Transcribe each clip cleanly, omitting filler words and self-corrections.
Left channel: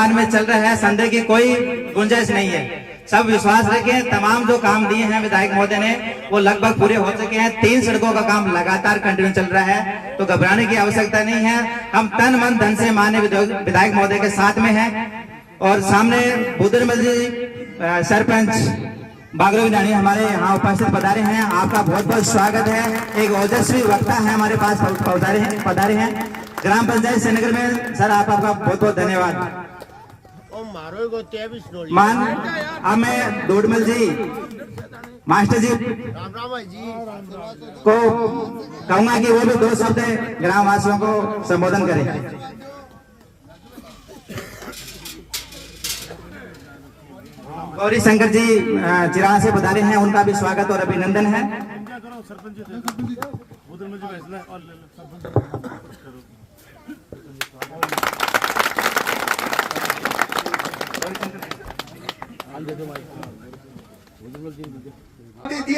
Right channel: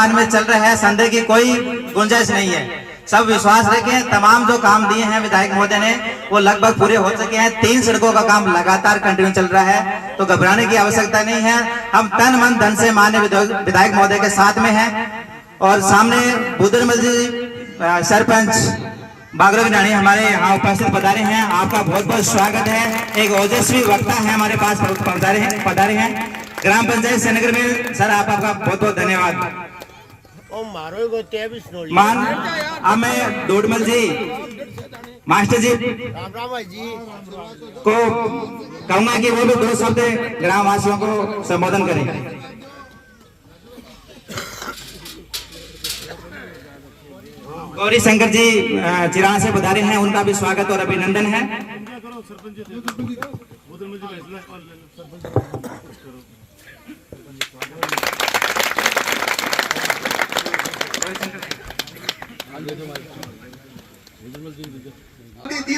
वर्तमान में चल रहा है, संदेह की कोई गुंजाइश नहीं है। सब विश्वास रखें, तमाम जो काम दिए हैं विधायक महोदय ने वो लगभग पूरे हो चुके हैं। 3 सड़कों का काम लगातार कंटिन्यू चल रहा है, तो घबराने की आवश्यकता नहीं है। हम तन मन धन से माननीय विधायक महोदय के साथ में हैं। और सामने बुद्रमल जी सरपंच बागरगंजानी हमारे यहाँ उपस्थित पधारे हैं, आपका बहुत बहुत स्वागत है। एक ओजस्वी वक्ता है हमारे पास पधारे हैं ग्राम पंचायत श्रीनगर में। सर आपका बहुत बहुत धन्यवाद। मान मैं डोडमल जी मास्टर जी को कहूंगा कि वो भी 2 शब्द ग्राम वासियों को संबोधन करें। गौरी शंकर जी चिराग से पधारे हैं, उनका भी स्वागत और अभिनंदन है।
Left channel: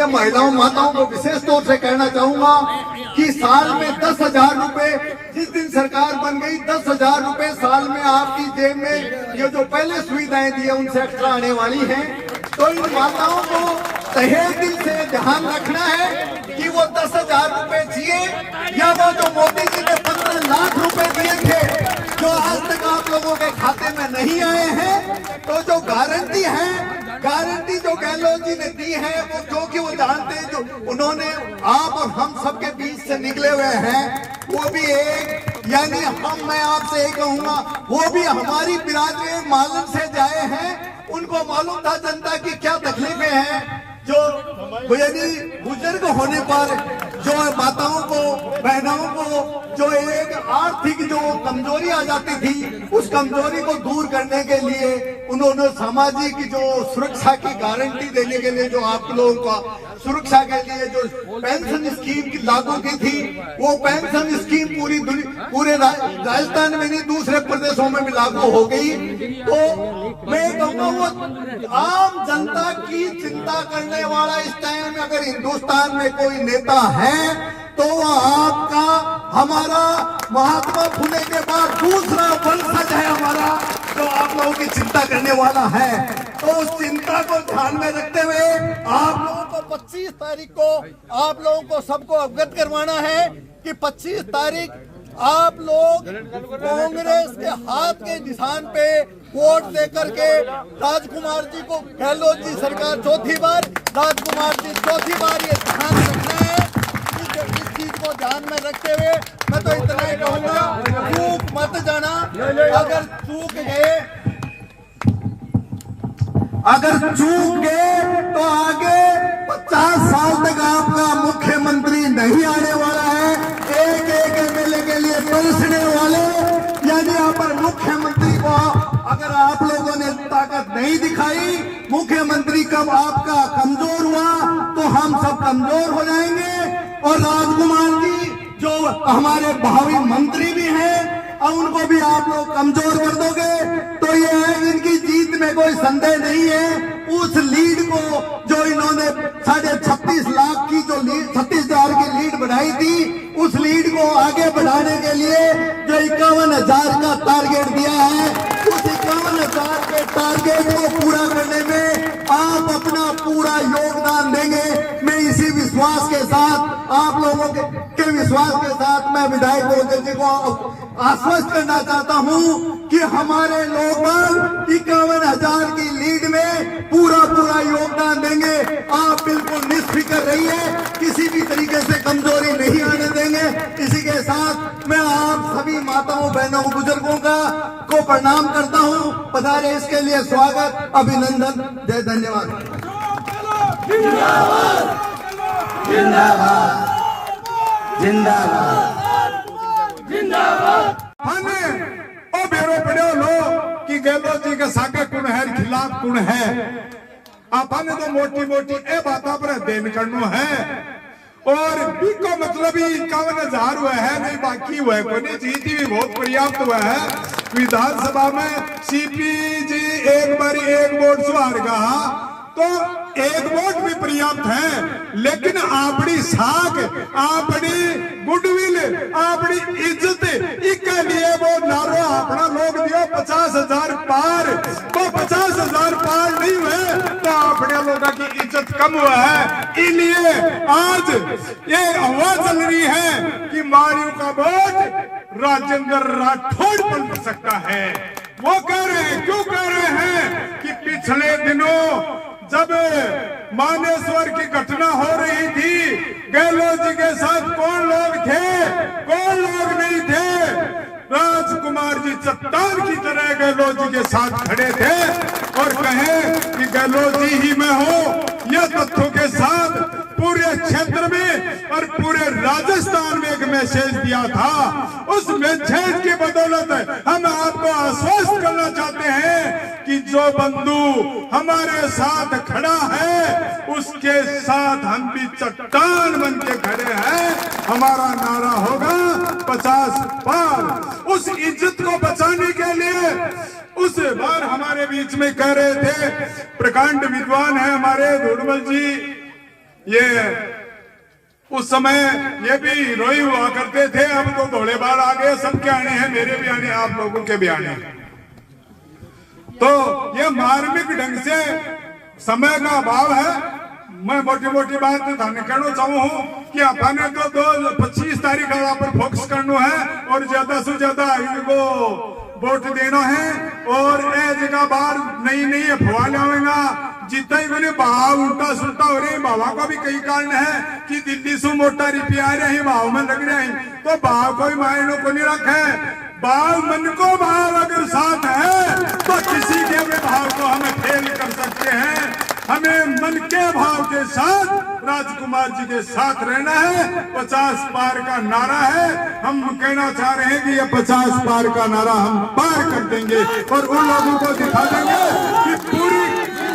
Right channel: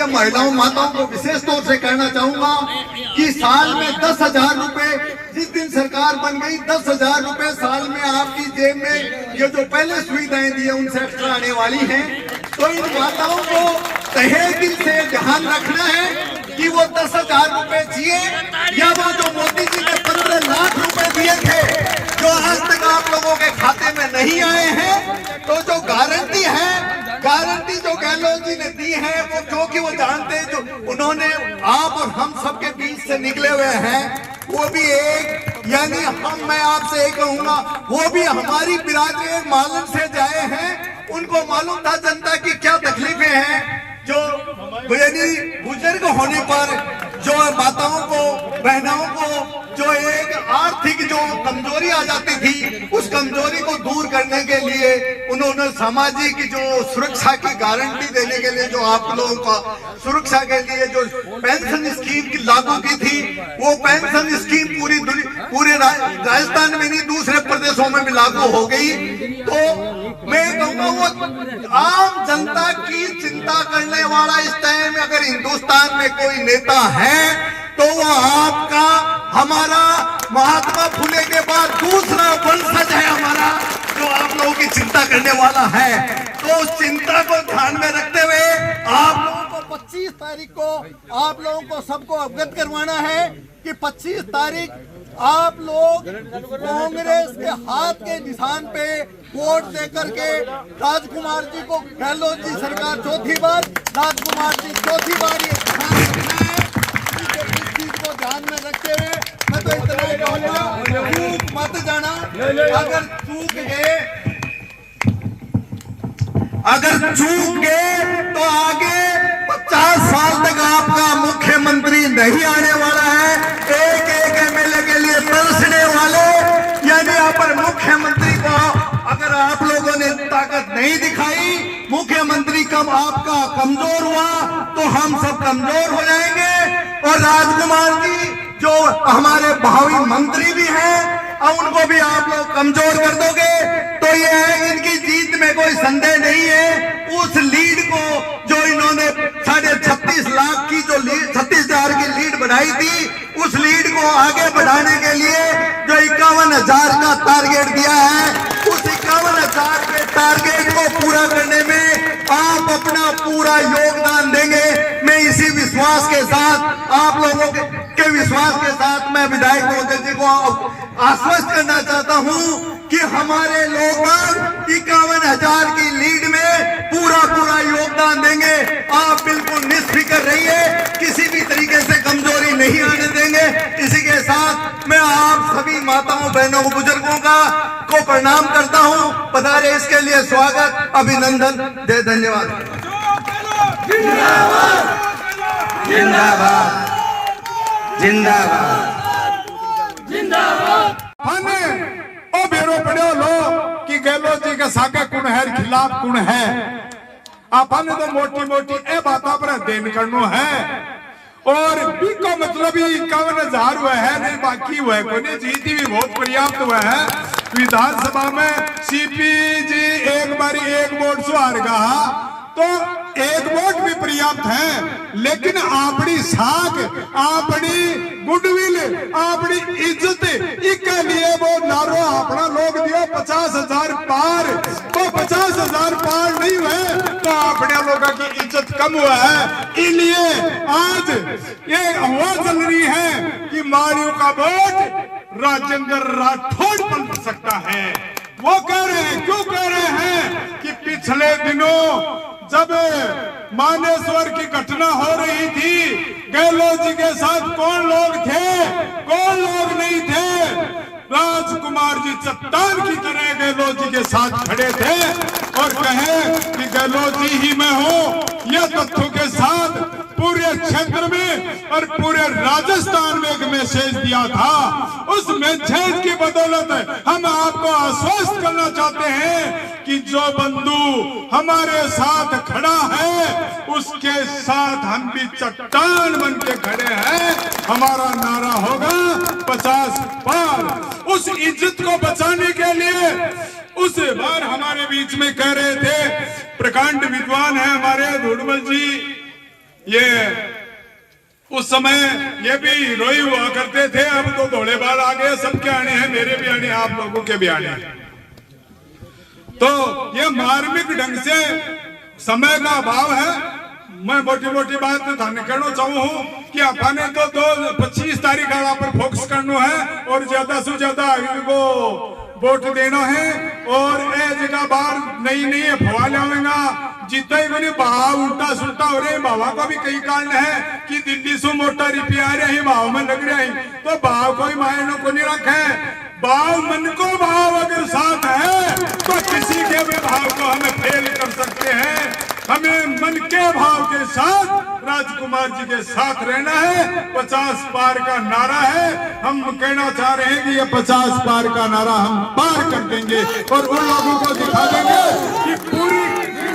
महिलाओं माताओं को विशेष तौर से कहना चाहूंगा कि साल में 10,000 रुपए, जिस दिन सरकार बन गई 10,000 रुपए साल में आपकी जेब में ये जो पहले सुविधाएं दी है उनसे एक्स्ट्रा आने वाली हैं। तो इन माताओं को तहे दिल से ध्यान रखना है कि वो 10,000 रुपए जिए या वो जो मोदी जी ने 15 लाख रुपए दिए थे जो आज तक आप लोगों के खाते में नहीं आए हैं। तो जो गारंटी है, गारंटी जो गहलोत जी ने दी है वो क्योंकि वो जानते हैं जो उन्होंने आप और हम सबके बीच से निकले हुए हैं, वो भी एक यानी मैं आपसे एक कहूंगा वो भी हमारी बिरादरी मालूम से जाए हैं। उनको मालूम था जनता की क्या तकलीफें हैं। जो यानी बुजुर्ग होने पर जो माताओं को बहनों को जो एक आर्थिक जो कमजोरी आ जाती थी उस कमजोरी को दूर करने के लिए उन्होंने सामाजिक जो सुरक्षा की गारंटी देने के लिए जो आप लोगों का सुरक्षा के लिए जो पेंशन स्कीम की लागू की थी वो पेंशन स्कीम पूरे राजस्थान में नहीं दूसरे प्रदेशों में भी लागू हो गई। तो मैं कहूँगा वो आम जनता की चिंता करने वाला इस टाइम में अगर हिंदुस्तान में कोई नेता है तो वो आपका हमारा महात्मा फुले के बाद दूसरा वंशज है हमारा जो आप लोगों की चिंता करने वाला है। तो उस चिंता को ध्यान में रखते हुए आप लोगों को 25 तारीख को आप लोगों को सबको अवगत करवाना है कि 25 तारीख आप लोग कांग्रेस के हाथ के निशान पे वोट दे करके राजकुमार जी को, गहलोत जी सरकार चौथी बार, राजकुमार जी चौथी बार, ये ध्यान रखना है। इस चीज को ध्यान में रखते हुए मैं तो इतना ही कहूँगा, चूक मत जाना। अगर चूक गए तो आगे 50 साल तक आपका मुख्यमंत्री नहीं आने वाला है। एक एमएलए के लिए तरसने वाले यानी यहाँ पर मुख्यमंत्री को अगर आप लोगों ने ताकत नहीं दिखाई, मुख्यमंत्री कब आपका कमजोर हुआ तो हम सब कमजोर हो जाएंगे। और राजकुमार जी जो हमारे भावी मंत्री भी हैं अब उनको भी आप लोग कमजोर कर दोगे तो ये इनकी जीत में कोई संदेह नहीं है। उस लीड को जो इन्होंने 36.5 लाख की जो लीड 36,000 की लीड बढ़ाई थी उस लीड को आगे बढ़ाने के लिए जो 51,000 का टारगेट दिया है उस 51,000 के टारगेट को पूरा करने में आप अपना पूरा योगदान देंगे। मैं इसी विश्वास के साथ आप लोगों के विश्वास के साथ मैं विधायक महोदय जी को आश्वस्त करना चाहता हूं कि हमारे लोग 51,000 की लीड में पूरा योगदान देंगे। आप बिल्कुल निष्फिक्र रहिए, किसी भी तरीके से कमजोरी नहीं आने देंगे। इसी के साथ मैं आप सभी माताओं बहनों बुजुर्गों को प्रणाम करता हूं। पधारे इसके लिए स्वागत, अभिनंदन, जय धन्यवाद। जिंदाबाद जिंदाबाद जिंदाबाद। ओ बेरो पड़ो लो कि गहलोत जी के साके कुण है खिलाफ कुण है। आपने तो मोटी मोटी ए बातों पर देन करनो है और बिको मतलब ही 51,000 हुआ है नहीं बाकी हुआ है कोई जीती भी बहुत पर्याप्त हुआ है। विधानसभा में सीपी जी एक बारी एक वोट से हार गया तो एक वोट भी पर्याप्त है, लेकिन अपनी साख, अपनी गुडविल, अपनी इज्जत इसके लिए वो नारो अपना लोग दियो 50,000 पार। तो 50,000 पार नहीं हुए तो अपने लोगों की इज्जत कम हुआ है। इसलिए आज ये हवा चल रही है कि मारियो का वोट राजेंद्र राठौड़ बन सकता है। वो कह रहे हैं, क्यों कह रहे हैं कि पिछले दिनों जब मानेश्वर की घटना हो रही थी, गहलोत जी के साथ कौन लोग थे, कौन लोग नहीं थे। राजकुमार जी चट्टान की तरह गहलोत जी के साथ खड़े थे और कहे कि गहलोत जी ही मैं हूं। यह तथ्यों के साथ पूरे क्षेत्र में और पूरे राजस्थान में एक मैसेज दिया था। उस मैसेज की बदौलत हम आपको आश्वस्त करना चाहते हैं कि जो बंधु हमारे साथ खड़ा है उसके साथ हम भी चट्टान बन के खड़े हैं। हमारा नारा होगा 50 पार। उस इज्जत को बचाने के लिए उस बार हमारे बीच में कह रहे थे, प्रकांड विद्वान है हमारे धुड़मल जी, ये उस समय ये भी रोई हुआ करते थे। अब तो धोले बाल आ गए, सबके आने हैं, मेरे भी आने, आप लोगों के भी आने। तो ये मार्मिक ढंग से समय का अभाव है। मैं मोटी मोटी बात कहना चाहूँ कि अपने तो 25 तारीख पर फोकस करना है और ज्यादा से ज्यादा इनको वोट देना है। और ए जगह बाहर नहीं अफवाह लावेगा जितना ही मैंने भाव उल्टा सुल्टा हो रहे। भावा का भी कई कारण है कि दिल्ली से मोटा रुपया आ रहे भाव में लग रहे हैं, तो भाव कोई मायने को नहीं रखे। भाव मन को भाव अगर साथ है तो किसी के भी भाव को हमें फेल कर सकते हैं। हमें मन के भाव के साथ राजकुमार जी के साथ रहना है। 50 पार का नारा है। हम कहना चाह रहे हैं कि ये 50 पार का नारा हम पार कर देंगे और उन लोगों को दिखा देंगे कि पूरी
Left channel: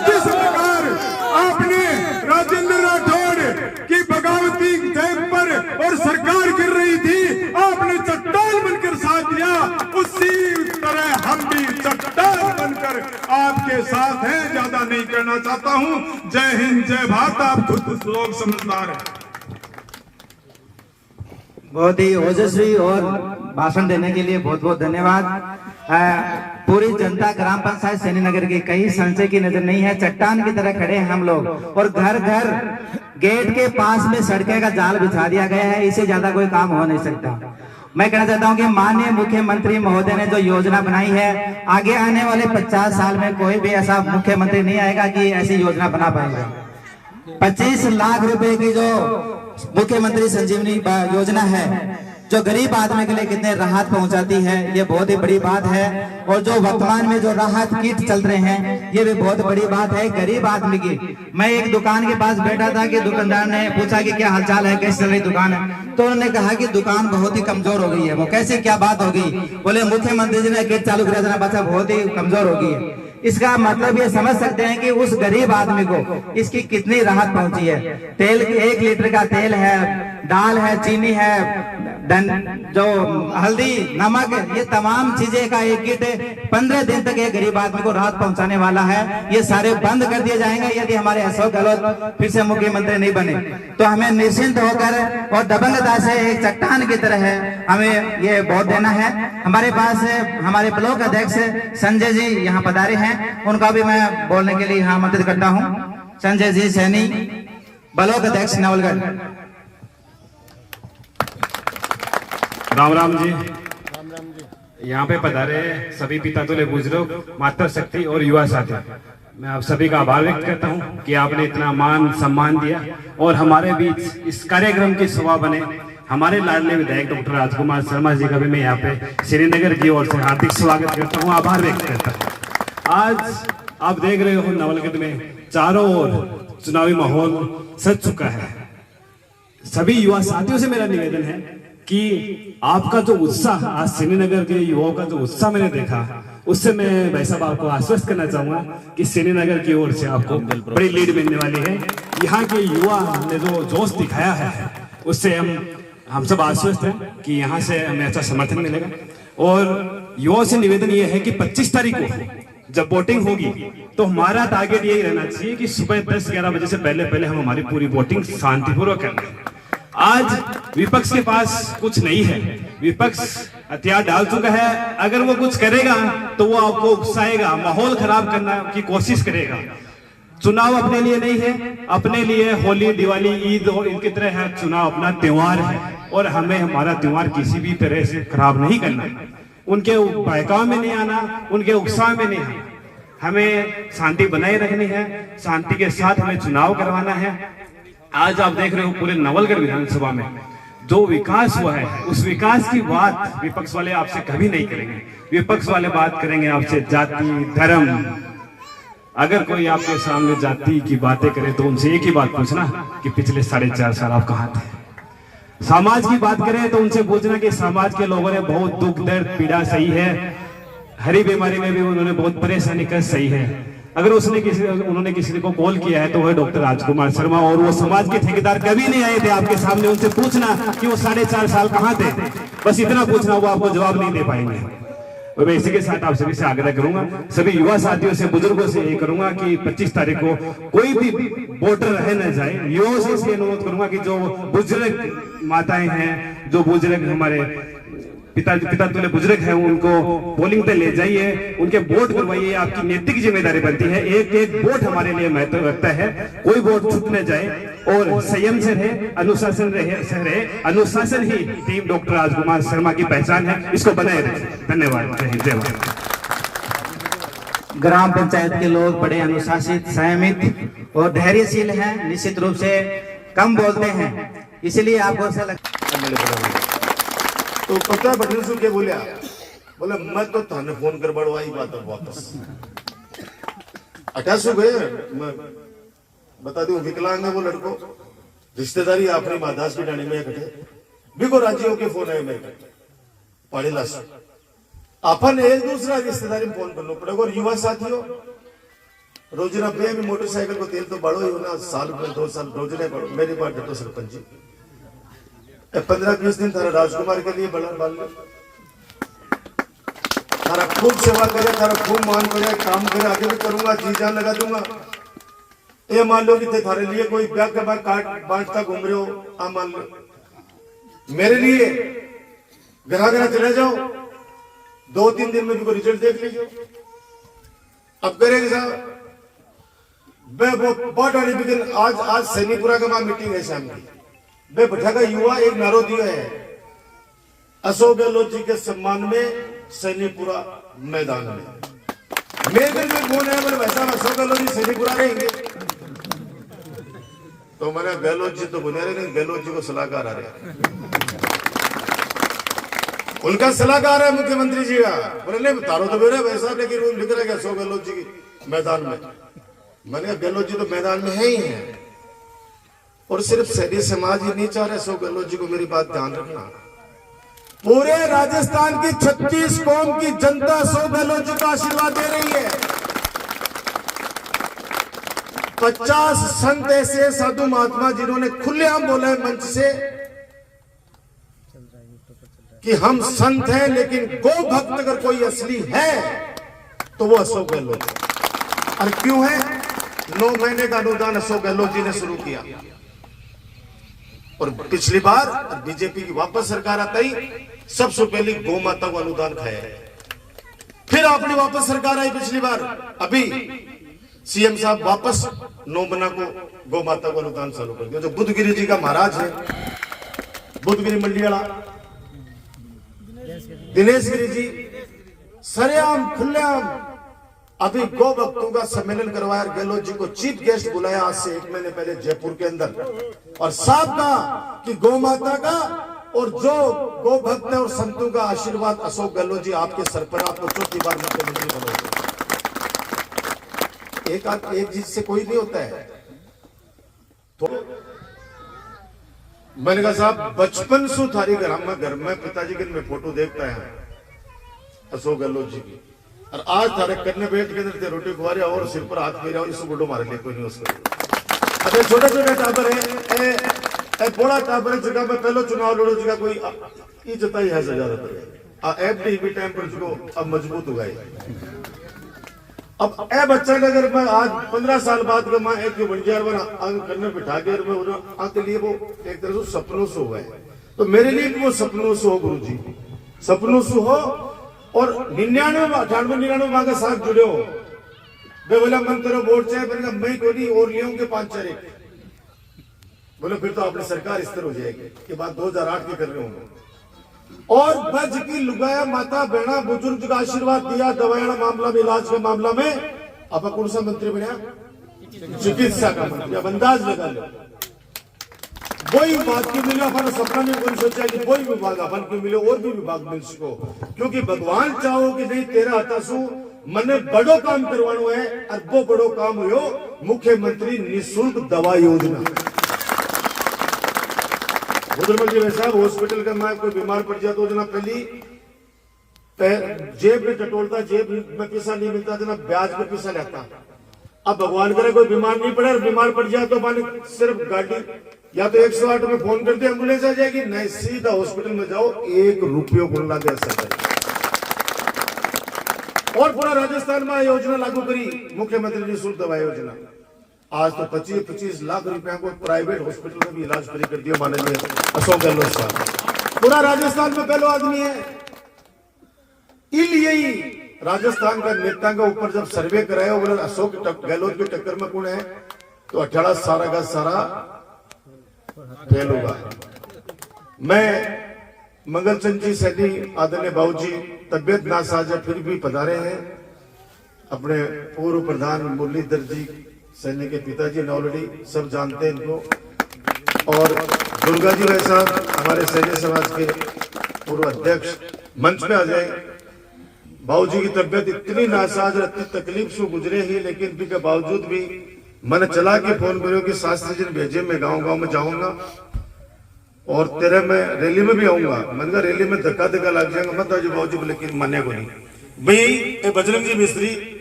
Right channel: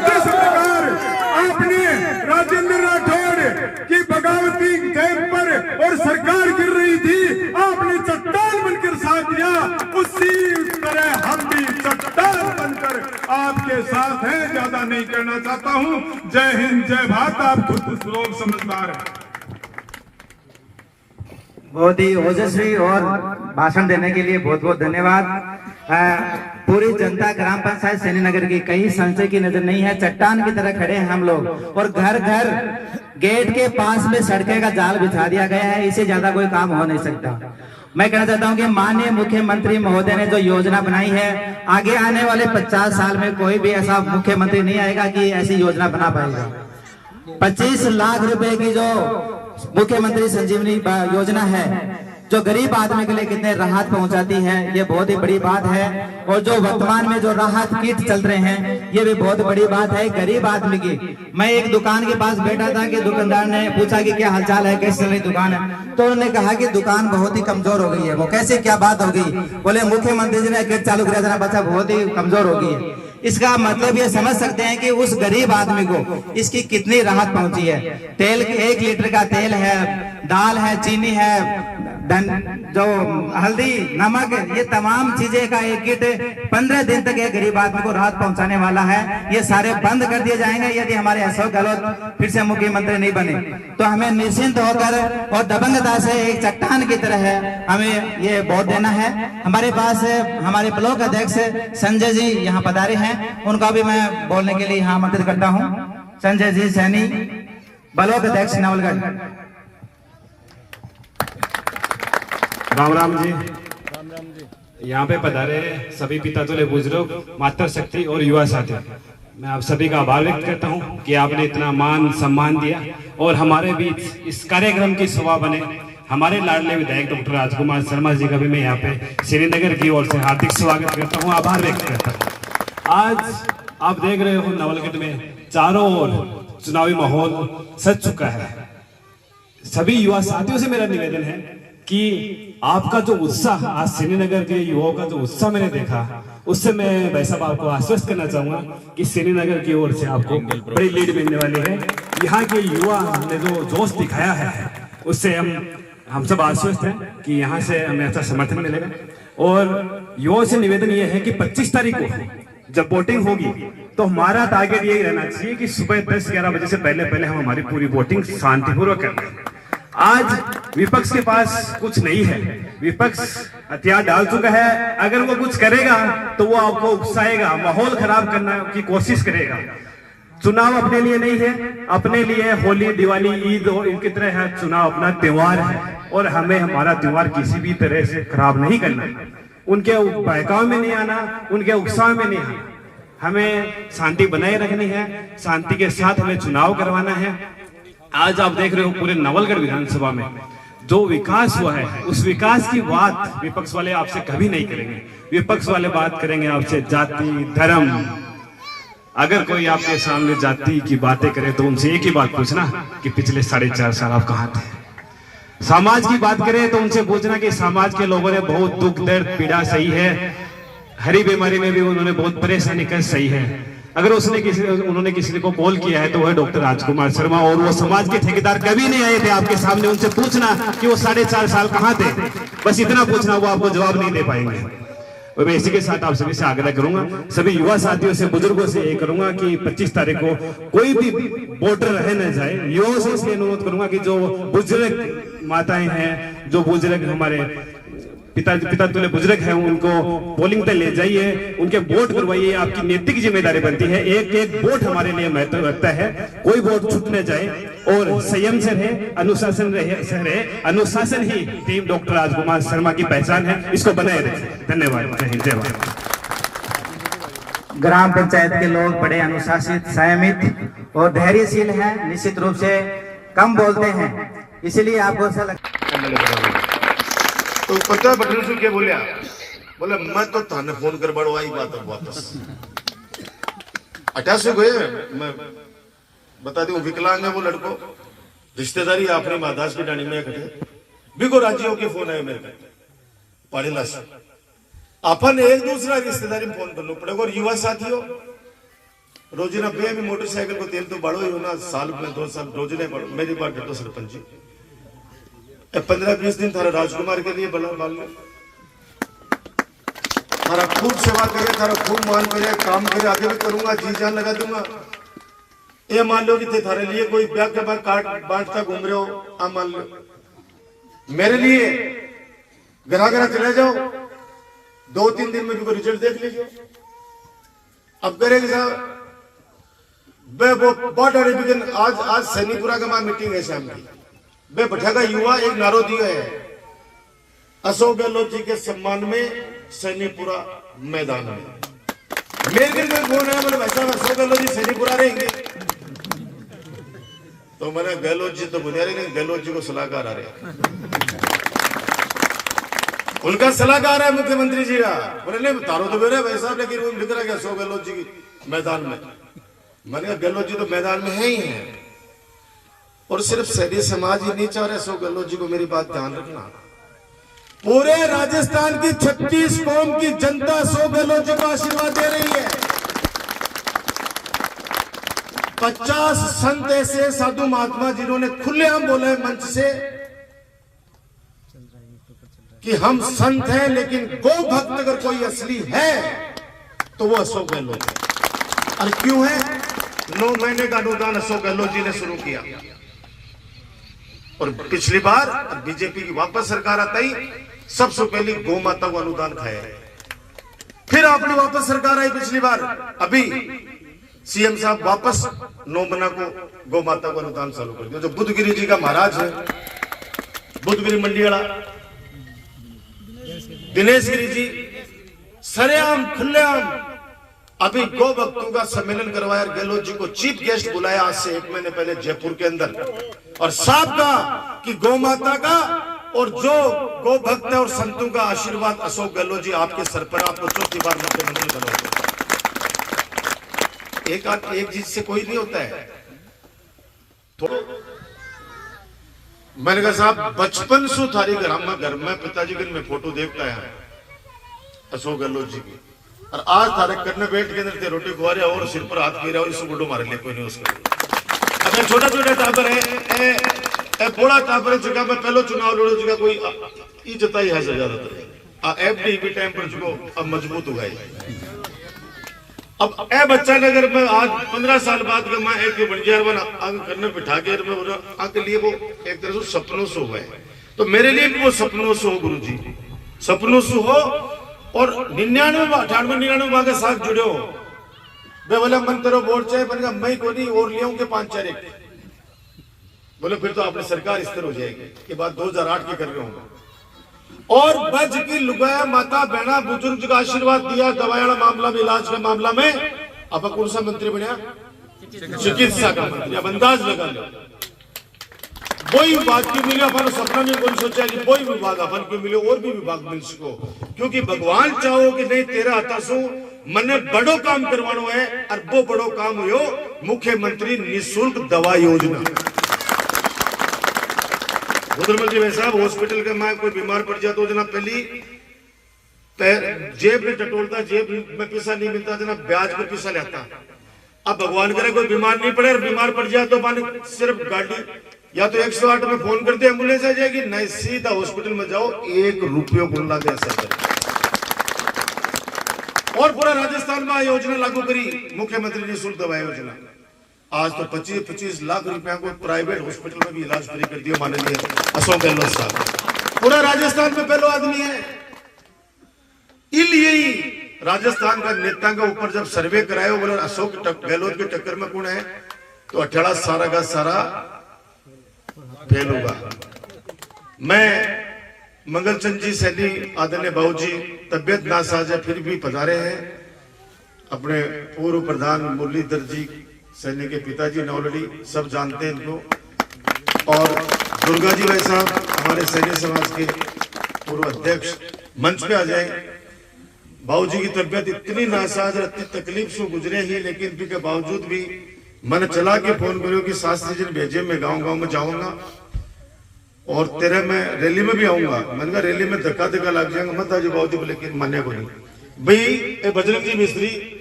जिस प्रकार आपने राजेंद्र राठौड़ की बगावती टाइम पर और सरकार गिर रही थी, आपने चट्टान बनकर साथ दिया, उसी तरह हम भी चट्टान बनकर आपके साथ हैं। ज्यादा नहीं करना चाहता हूं। जय हिंद, जय भारत। आप खुद लोग समझदार हैं। बहुत ही ओजस्वी और भाषण देने के लिए बहुत बहुत धन्यवाद। पूरी जनता ग्राम पंचायत सैनीनगर की कहीं संशय की नजर नहीं है। चट्टान की तरह खड़े हैं हम लोग और घर घर गेट के पास में सड़कें का जाल बिछा दिया गया है। इससे ज्यादा कोई काम हो नहीं सकता। मैं कहना चाहता हूं कि माननीय मुख्यमंत्री महोदय ने जो योजना बनाई है, आगे आने वाले 50 साल में कोई भी ऐसा मुख्यमंत्री नहीं आएगा कि ऐसी योजना बना पाएगा। 25 लाख रुपए की जो मुख्यमंत्री संजीवनी योजना है, जो गरीब आदमी के लिए कितने राहत पहुंचाती है, ये बहुत ही बड़ी बात है। और जो वर्तमान में जो राहत किट चल रहे हैं, ये भी बहुत बड़ी बात है गरीब आदमी की। मैं एक दुकान के पास बैठा था कि दुकानदार ने पूछा कि क्या हालचाल है, कैसे चल रही दुकान है, तो उन्होंने कहा कि दुकान बहुत ही कमजोर हो गई है। वो कैसे, क्या बात हो गई? बोले मुख्यमंत्री जी ने किट चालू किया था, बच्चा बहुत ही कमजोर हो गई है। इसका मतलब ये समझ सकते हैं कि उस गरीब आदमी को इसकी कितनी राहत पहुंची है। तेल 1 लीटर का तेल है, दाल है, चीनी है, जो हल्दी, नमक, ये तमाम चीजें का एक किट 15 दिन तक एक गरीब आदमी को राहत पहुंचाने वाला है। ये सारे बंद कर दिए जाएंगे यदि हमारे अशोक गहलोत फिर से मुख्यमंत्री नहीं बने। तो हमें निश्चिंत होकर और दबंगता से एक चट्टान की तरह है हमें ये वोट देना है। हमारे पास हमारे ब्लॉक अध्यक्ष संजय जी यहाँ पधारे हैं, उनका भी मैं बोलने के लिए यहाँ आमंत्रित करता हूँ। संजय जी सैनी, ब्लॉक अध्यक्ष नवलगढ़। राम राम जी। यहाँ पे पधारे सभी पिता तुल्य बुजुर्ग, माता शक्ति और युवा साथी, मैं आप सभी का आभार व्यक्त करता हूँ कि आपने इतना मान सम्मान दिया और हमारे बीच इस कार्यक्रम की शोभा बने। हमारे लाडले विधायक डॉक्टर राजकुमार शर्मा जी का भी मैं यहाँ पे श्रीनगर की ओर से हार्दिक स्वागत करता हूँ, आभार व्यक्त करता हूँ। आज आप देख रहे हो नवलगढ़ में चारों ओर चुनावी माहौल सज चुका है। सभी युवा साथियों से मेरा निवेदन है कि आपका जो उत्साह, आज श्रीनगर के युवाओं का जो उत्साह मैंने देखा, उससे मैं भाई साहब आपको आश्वस्त करना चाहूंगा कि श्रीनगर की ओर से आपको बड़ी लीड मिलने वाली है। यहाँ के युवा ने जो जोश दिखाया है उससे हम सब आश्वस्त हैं कि यहाँ से हमें अच्छा समर्थन मिलेगा। और युवाओं से निवेदन यह है कि 25 तारीख को जब वोटिंग होगी तो हमारा टारगेट यही रहना चाहिए कि सुबह 10-11 बजे से पहले पहले हम हमारी पूरी वोटिंग शांतिपूर्वक करें। आज विपक्ष के पास कुछ नहीं है, विपक्ष हथियार डाल चुका है। अगर वो कुछ करेगा तो वो आपको उकसाएगा, माहौल खराब करने की कोशिश करेगा। चुनाव अपने लिए नहीं है, अपने लिए होली, दिवाली, ईद और इनकी तरह है चुनाव अपना त्योहार है, और हमें हमारा त्योहार किसी भी तरह से खराब नहीं करना, उनके बहकाव में नहीं आना, उनके उत्साह में नहीं आना। हमें शांति बनाए रखनी है, शांति के साथ हमें चुनाव करवाना है। आज आप देख रहे हो पूरे नवलगढ़ विधानसभा में जो विकास हुआ है, उस विकास की बात विपक्ष वाले आपसे कभी नहीं करेंगे। विपक्ष वाले बात करेंगे आपसे जाति, धर्म। अगर कोई आपके सामने जाति की बातें करे तो उनसे एक ही बात पूछना कि पिछले 4.5 साल आप कहाँ थे। समाज की बात करें तो उनसे पूछना कि समाज के लोगों ने बहुत दुख, दर्द, पीड़ा सही है, हरी बीमारी में भी उन्होंने बहुत परेशानी कर सही है। अगर उन्होंने किसी को कॉल किया है तो वह डॉक्टर राजकुमार शर्मा, और वो समाज के ठेकेदार कभी नहीं आए थे आपके सामने। उनसे पूछना कि वो 4.5 साल कहाँ थे, बस इतना पूछना, वो आपको जवाब नहीं दे पाएंगे। और मैं इसी के साथ आप सभी से आग्रह करूंगा, सभी युवा साथियों से, बुजुर्गों से ये करूंगा कि 25 तारीख को कोई भी वोटर रह न जाए। युवाओं से इसलिए अनुरोध करूंगा कि जो बुजुर्ग माताएं हैं, जो बुजुर्ग हमारे पिता तुल्य बुजुर्ग हैं, उनको पोलिंग पे ले जाइए, उनके वोट करवाइए। आपकी नैतिक जिम्मेदारी बनती है, एक वोट हमारे लिए महत्व रखता है। कोई वोट छूट न जाए और संयम से रहे, अनुशासन रहे। अनुशासन ही टीम डॉक्टर राजकुमार शर्मा की पहचान है, इसको बनाए रखें। धन्यवाद। जय हिंद। ग्राम पंचायत के लोग बड़े अनुशासित, संयमित और धैर्यशील हैं, निश्चित रूप से कम बोलते हैं, इसलिए आपको ऐसा लगता तो पता बटन से क्या बोलिया, बोले मैं तो थाने फोन कर बड़ो आई बात वापस 88 गए। मैं बता दूं विकलांग है वो लड़को, रिश्तेदारी अपनी मादास की डाणी में इकट्ठे बिको राज्यों के फोन आए मेरे पढ़ेला से अपन एक दूसरा रिश्तेदारी में फोन करना पड़ेगा। और युवा साथियों, रोजाना बे में मोटरसाइकिल को तेल तो बढ़ो ही होना, साल में 2 साल रोजाना बढ़ो। मेरी बात तो सरपंच जी 15-20 दिन थारा राजकुमार के लिए बड़ा बाल थारा खूब सेवा करे, थारा खूब मान करे, काम करे, आगे भी करूंगा, जी जान लगा दूंगा। ये मान लो कि थे थारे लिए कोई ब्याह के बाद काट बांटता घूम रहे हो, आ मान लो मेरे लिए घरा चले जाओ, 2-3 दिन में भी रिजल्ट देख लीजिए। अब करेंगे साहब मैं वो बहुत आज सैनीपुरा के मां मीटिंग है शाम की, बे बैठा युवा एक नारो दिया है अशोक गहलोत जी के सम्मान में सैनीपुरा मैदान में। मेरे घर में फोन है, बोले वैसा अशोक गहलोत जी सैनीपुरा रहेंगे। तो मैंने गहलोत जी तो बुनियादी नहीं, गहलोत जी को सलाहकार आ रहे, उनका सलाहकार है मुख्यमंत्री जी का। बोले नहीं तारो तो मेरे भाई साहब, लेकिन वो लिख रहा है अशोक गहलोत जी की मैदान में। मैंने कहा गहलोत जी तो मैदान में है ही है, और सिर्फ सैनी समाज ही नहीं चाह रहे अशोक गहलोत जी को। मेरी बात ध्यान रखना, पूरे राजस्थान की 36 कौम की जनता अशोक गहलोत जी को आशीर्वाद दे रही है। 50 संत ऐसे साधु महात्मा जिन्होंने खुलेआम बोले मंच से कि हम संत हैं, लेकिन गो भक्त अगर कोई असली है तो वो अशोक गहलोत है। और क्यों है? 9 महीने का अनुदान अशोक गहलोत जी ने शुरू किया, और पिछली बार बीजेपी की वापस सरकार आता ही सबसे पहले गौ माता को अनुदान खाया। फिर आपने वापस सरकार आई पिछली बार, अभी सीएम साहब वापस 9 महीना को गौ माता को अनुदान चालू कर दिया। जो बुद्धगिरी जी का महाराज है, बुद्धगिरी मंडियाला दिनेश गिरी जी, सरेआम खुलेआम अभी गौ भक्तों का सम्मेलन करवाया। गहलोत जी को चीफ गेस्ट बुलाया आज से 1 महीने पहले जयपुर के अंदर, और साफ कहा कि गौ माता का और जो गौ भक्त है और संतों का आशीर्वाद अशोक गहलोत जी आपके सर पर, आपको 4थी बार मुख्यमंत्री बनोगे। एक चीज से कोई नहीं होता है। तो मैंने कहा साहब बचपन से थारी घर में पिताजी की मैं फोटो देखता है अशोक गहलोत जी की, और आज थारे करने बैठ के अंदर रोटी खुआ रहे और सिर पर हाथ फेरा और इस गुड्डो मारे लिए कोई नहीं उसका। अगर छोटा छोटा टाबर है, बड़ा टाबर है, जगह में पहले चुनाव लड़ो जगह कोई इज्जत ही है ज्यादातर। एफडी भी टाइम पर चुको अब मजबूत हो गए। अब ए बच्चा ने अगर मैं आज 15 साल बाद का माँ एक बन गया आगे करने बिठा के आके लिए वो एक तरह से सपनों से हुआ है, तो मेरे लिए भी वो सपनों से हो गुरु जी, सपनों से हो। और 99 वहां के साथ जुड़े हो, वे बोला मन करो वोट चाहे बनेगा मैं को नहीं और ले आऊंगे 5-4 बोले फिर तो अपनी सरकार स्थिर हो जाएगी। के बाद 2008 के कर रहे होंगे और बज की लुगाया माता बहना बुजुर्ग का आशीर्वाद दिया, दवाया मामला में इलाज के मामला में अब कौन सा मंत्री बनया, चिकित्सा का मंत्री। अब अंदाज लगा लो वही विभाग क्यों मिले, अपन सपना में कोई सोचा कि वही विभाग अपन क्यों मिले और भी विभाग मिल सको, क्योंकि भगवान चाहो कि नहीं तेरा हताशु मने बड़ो काम करवानो है और वो बड़ो काम हुयो मुख्यमंत्री निःशुल्क दवा योजना। उधर जी भाई साहब हॉस्पिटल के मां कोई बीमार पड़ जाता तो जना पहली जेब में टटोलता, जेब में पैसा नहीं मिलता जना ब्याज पे पैसा लेता। अब भगवान करे कोई बीमार नहीं पड़े और बीमार पड़ जाए तो मान सिर्फ गाड़ी या तो 108 में फोन कर दे एम्बुलेंस आ जाएगी, नहीं सीधा हॉस्पिटल में जाओ 1 रुपये को ला दे असर। और पूरा राजस्थान में योजना लागू करी मुख्यमंत्री निःशुल्क दवा योजना। आज तो 25-25 लाख रुपया को प्राइवेट हॉस्पिटल में भी इलाज फ्री कर दिया माननीय अशोक गहलोत साहब। पूरा राजस्थान में पहला आदमी है। इसलिए ही राजस्थान का नेता के ऊपर जब सर्वे कराया बोले अशोक गहलोत की टक्कर में कौन है, तो 18 सारा का सारा फेल होगा। मैं मंगलचंद जी सैनी आदरणीय बाबूजी तबियत नासाज है फिर भी पधारे हैं। अपने पूर्व प्रधान मुरलीधर जी सैनी के पिताजी ऑलरेडी सब जानते हैं इनको। और दुर्गा जी भाई साहब हमारे सैन्य समाज के पूर्व अध्यक्ष मंच पे आ जाए। बाबूजी की तबियत इतनी नासाज और इतनी तकलीफ से गुजरे ही, लेकिन भी के बावजूद भी मैंने चला के फोन करो कि शास्त्री जी भेजे, मैं गांव में जाऊंगा और तेरे में रैली में भी आऊंगा। मैंने कहा रैली में धक्का लग जाएगा मत आजी बाबूजी, लेकिन माने को नहीं भाई। बजरंग जी मिस्त्री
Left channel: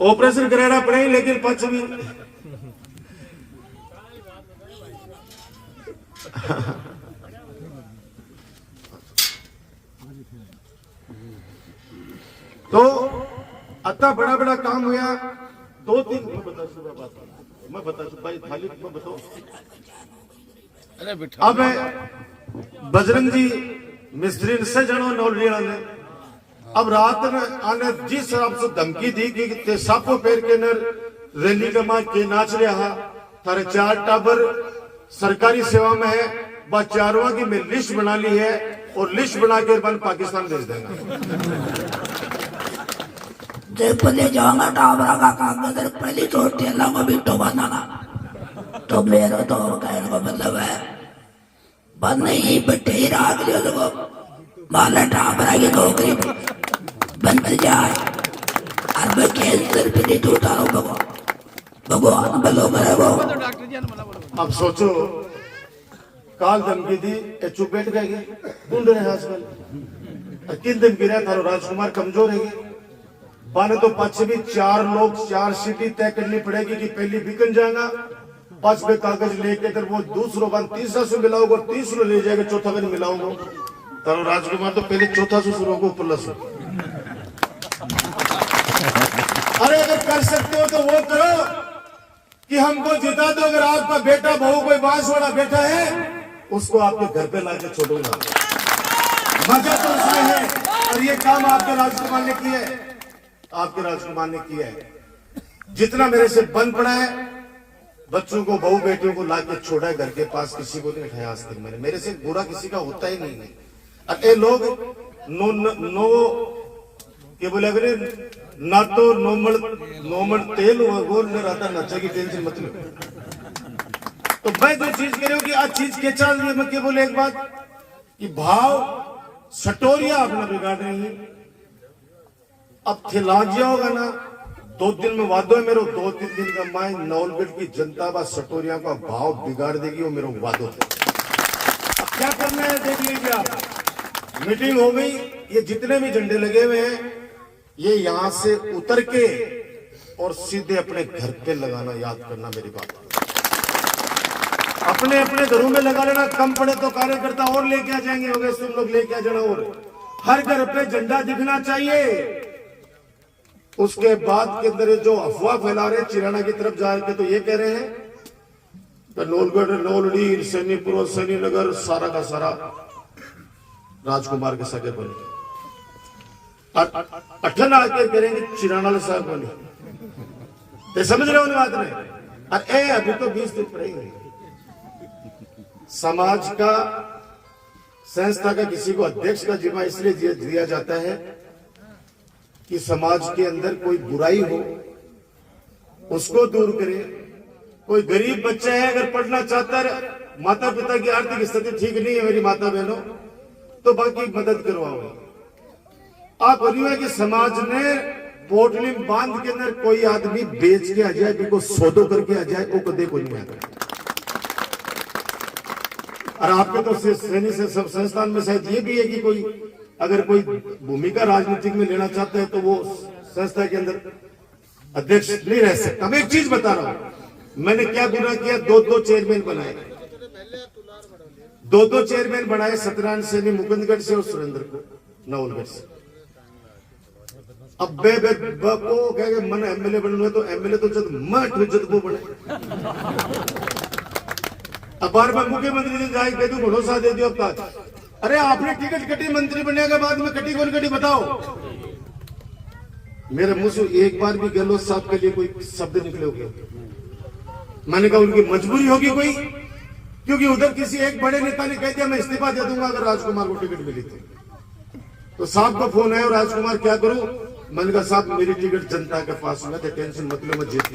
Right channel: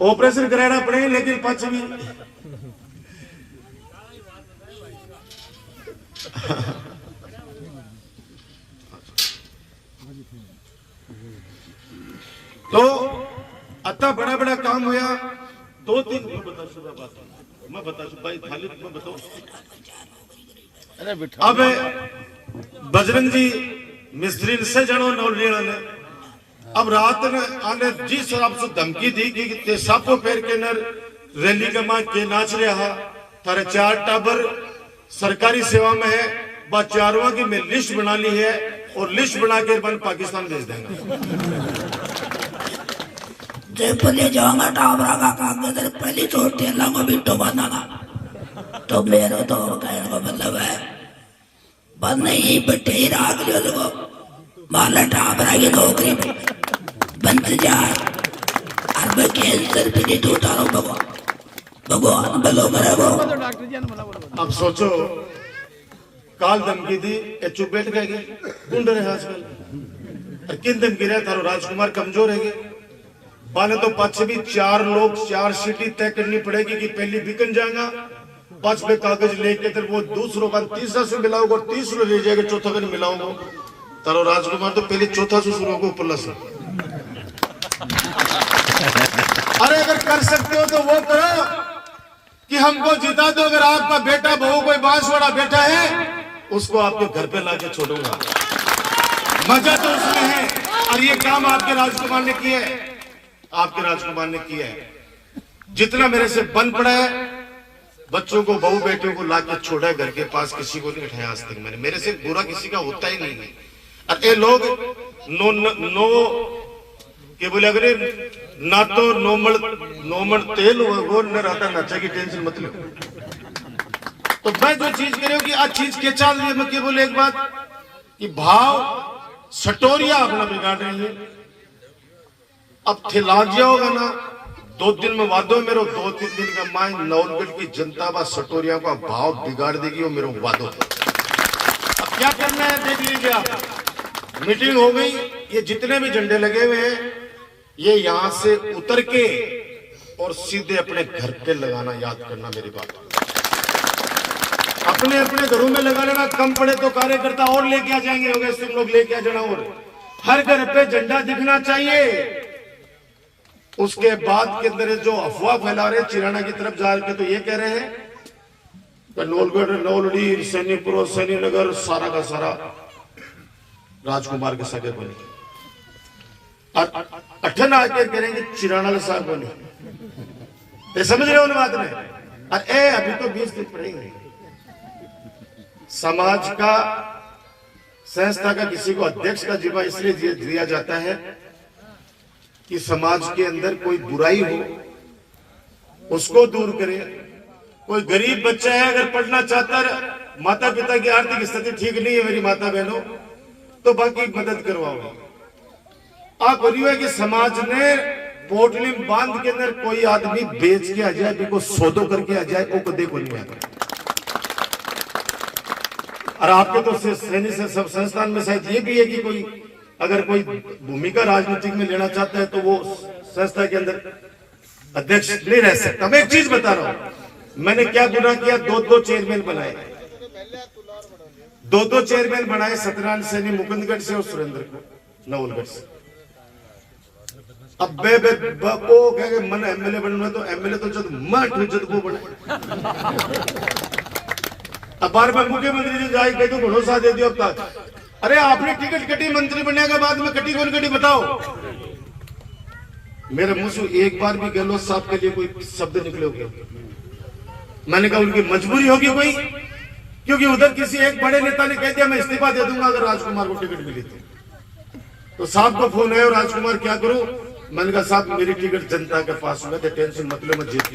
ऑपरेशन कराना पड़े लेकिन पक्ष भी तो अत्ता बड़ा बड़ा काम हुआ। 2-3 मैं बता भाई थाली में बताओ। अब बजरंग जी मिस्त्री से जनो नौलिया ने अब रात ने आने जिस हिसाब से धमकी दी कि ते सापो पैर के नर रैली के मां के नाच रहा थारे 4 टाबर सरकारी सेवा में है, बस 4वां की मैं लिस्ट बना ली है और लिस्ट बना के बन पाकिस्तान भेज देंगे। जब ले जाऊंगा टाबरा का कागज पहली चोट लाऊंगा बिट्टो बनाना तो मेरा तो कहने का मतलब है बंद नहीं बट्टे ही राग लियो लोगों माला टाबरा की नौकरी बंद जाए और मैं कैंसर भी नहीं तो उतारू भगवान भलो करे वो। अब सोचो काल धमकी दी चुप बैठ गए गुंड रहे आजकल किन धमकी रहे थारो राजकुमार कमजोर है बाने तो पाछे भी 4 लोग 4 सीटें तय करनी पड़ेगी कि पहली बिकन जाएगा 5 पे कागज लेके फिर वो दूसरों बन तीसरा से मिलाओगे और तीसरा ले जाएगा चौथा दिन मिलाओगे तारो राजकुमार तो पहले चौथा से शुरू होगा प्लस। अरे अगर कर सकते हो तो वो करो कि हमको जिता दो। अगर आपका बेटा बहू कोई बांसवाड़ा बेटा है उसको आपके घर पे लाके छोड़ूंगा। मजा तो उसमें है और ये काम आपके राजकुमार ने किया है, आपके राजकुमार ने किया है। जितना मेरे से बन पड़ा है बच्चों को बहू बेटियों को लाके छोड़ा है घर के पास, किसी को नहीं उठाया आज तक मैंने। मेरे से बुरा किसी का होता ही नहीं है। और ये लोग नो के बोले अगर ना तो नोमल तेल वो न रहता नचा की टेंशन मत लो। तो मैं जो चीज कह रही हूँ कि आज चीज के चाल रही है। मैं क्या बोले एक बात कि भाव सटोरिया अपना बिगाड़ रही है। अब खिलाज होगा ना 2 दिन में वादो है मेरे 2-3 दिन का माई नौलगढ़ की जनता बा सटोरिया का भाव बिगाड़ देगी वो मेरे वादो। अब क्या करना है देख लीजिए आप। मीटिंग हो गई, ये जितने भी झंडे लगे हुए हैं ये यहां से उतर के और सीधे अपने घर पे लगाना, याद करना मेरी बात। अपने अपने घरों में लगा लेना, कम पड़े तो कार्यकर्ता और लेके आ जाएंगे, होंगे तुम लोग लेके आ जाना। और हर घर पे झंडा दिखना चाहिए। उसके बाद के अंदर ये जो अफवाह फैला रहे चिराना की तरफ जा के, तो ये कह रहे हैं कि नौलगढ़, नौलड़ी, सैनीपुर, सैनीनगर सारा का सारा राजकुमार के सगे बने, और अठन आके करेंगे चिराना साहब बने। ये समझ रहे हो बात में? और अभी तो 20 दिन पड़ेंगे। समाज का, संस्था का किसी को अध्यक्ष का जिम्मा इसलिए दिया जाता है कि समाज के अंदर कोई बुराई हो उसको दूर करे। कोई गरीब बच्चे है अगर पढ़ना चाहता है, माता पिता की आर्थिक स्थिति ठीक नहीं है मेरी माता बहनों, तो बाकी मदद करवाओ। आप बोलिए कि समाज ने पोटलिम बांध के अंदर कोई आदमी बेच के आ जाए, बिल्कुल सौदो करके आ जाए, वो कदे कोई नहीं आता। और आपके तो सैनिक से सब संस्थान में शायद ये भी है कि कोई अगर कोई भूमिका राजनीतिक में लेना चाहता है तो वो संस्था के अंदर अध्यक्ष नहीं रह सकता। मैं एक चीज बता रहा हूं, मैंने क्या गुनाह किया, दो चेयरमैन बनाए, दो चेयरमैन बनाए, सत्यनारायण सैनी मुकुंदगढ़ से और सुरेंद्र को नवलगढ़ से। अब वो कह मन एमएलए बनना, तो एमएलए तो जब मैं जब वो बने। अब बार बार मुख्यमंत्री जी जाए कह दो भरोसा दे दियो। अब तक अरे आपने टिकट कटी, मंत्री बनने के बाद में कटी कौन कटी बताओ। मेरे मुंह से एक बार भी गहलोत साहब के लिए कोई शब्द निकले होंगे? मैंने कहा उनकी मजबूरी होगी कोई, क्योंकि उधर किसी एक बड़े नेता ने कह दिया मैं इस्तीफा दे दूंगा अगर राजकुमार को टिकट मिली तो साहब को फोन आया, राजकुमार क्या करूं? मैंने कहा साहब मेरी टिकट जनता के पास में, टेंशन मत लो, मैं जीत गया।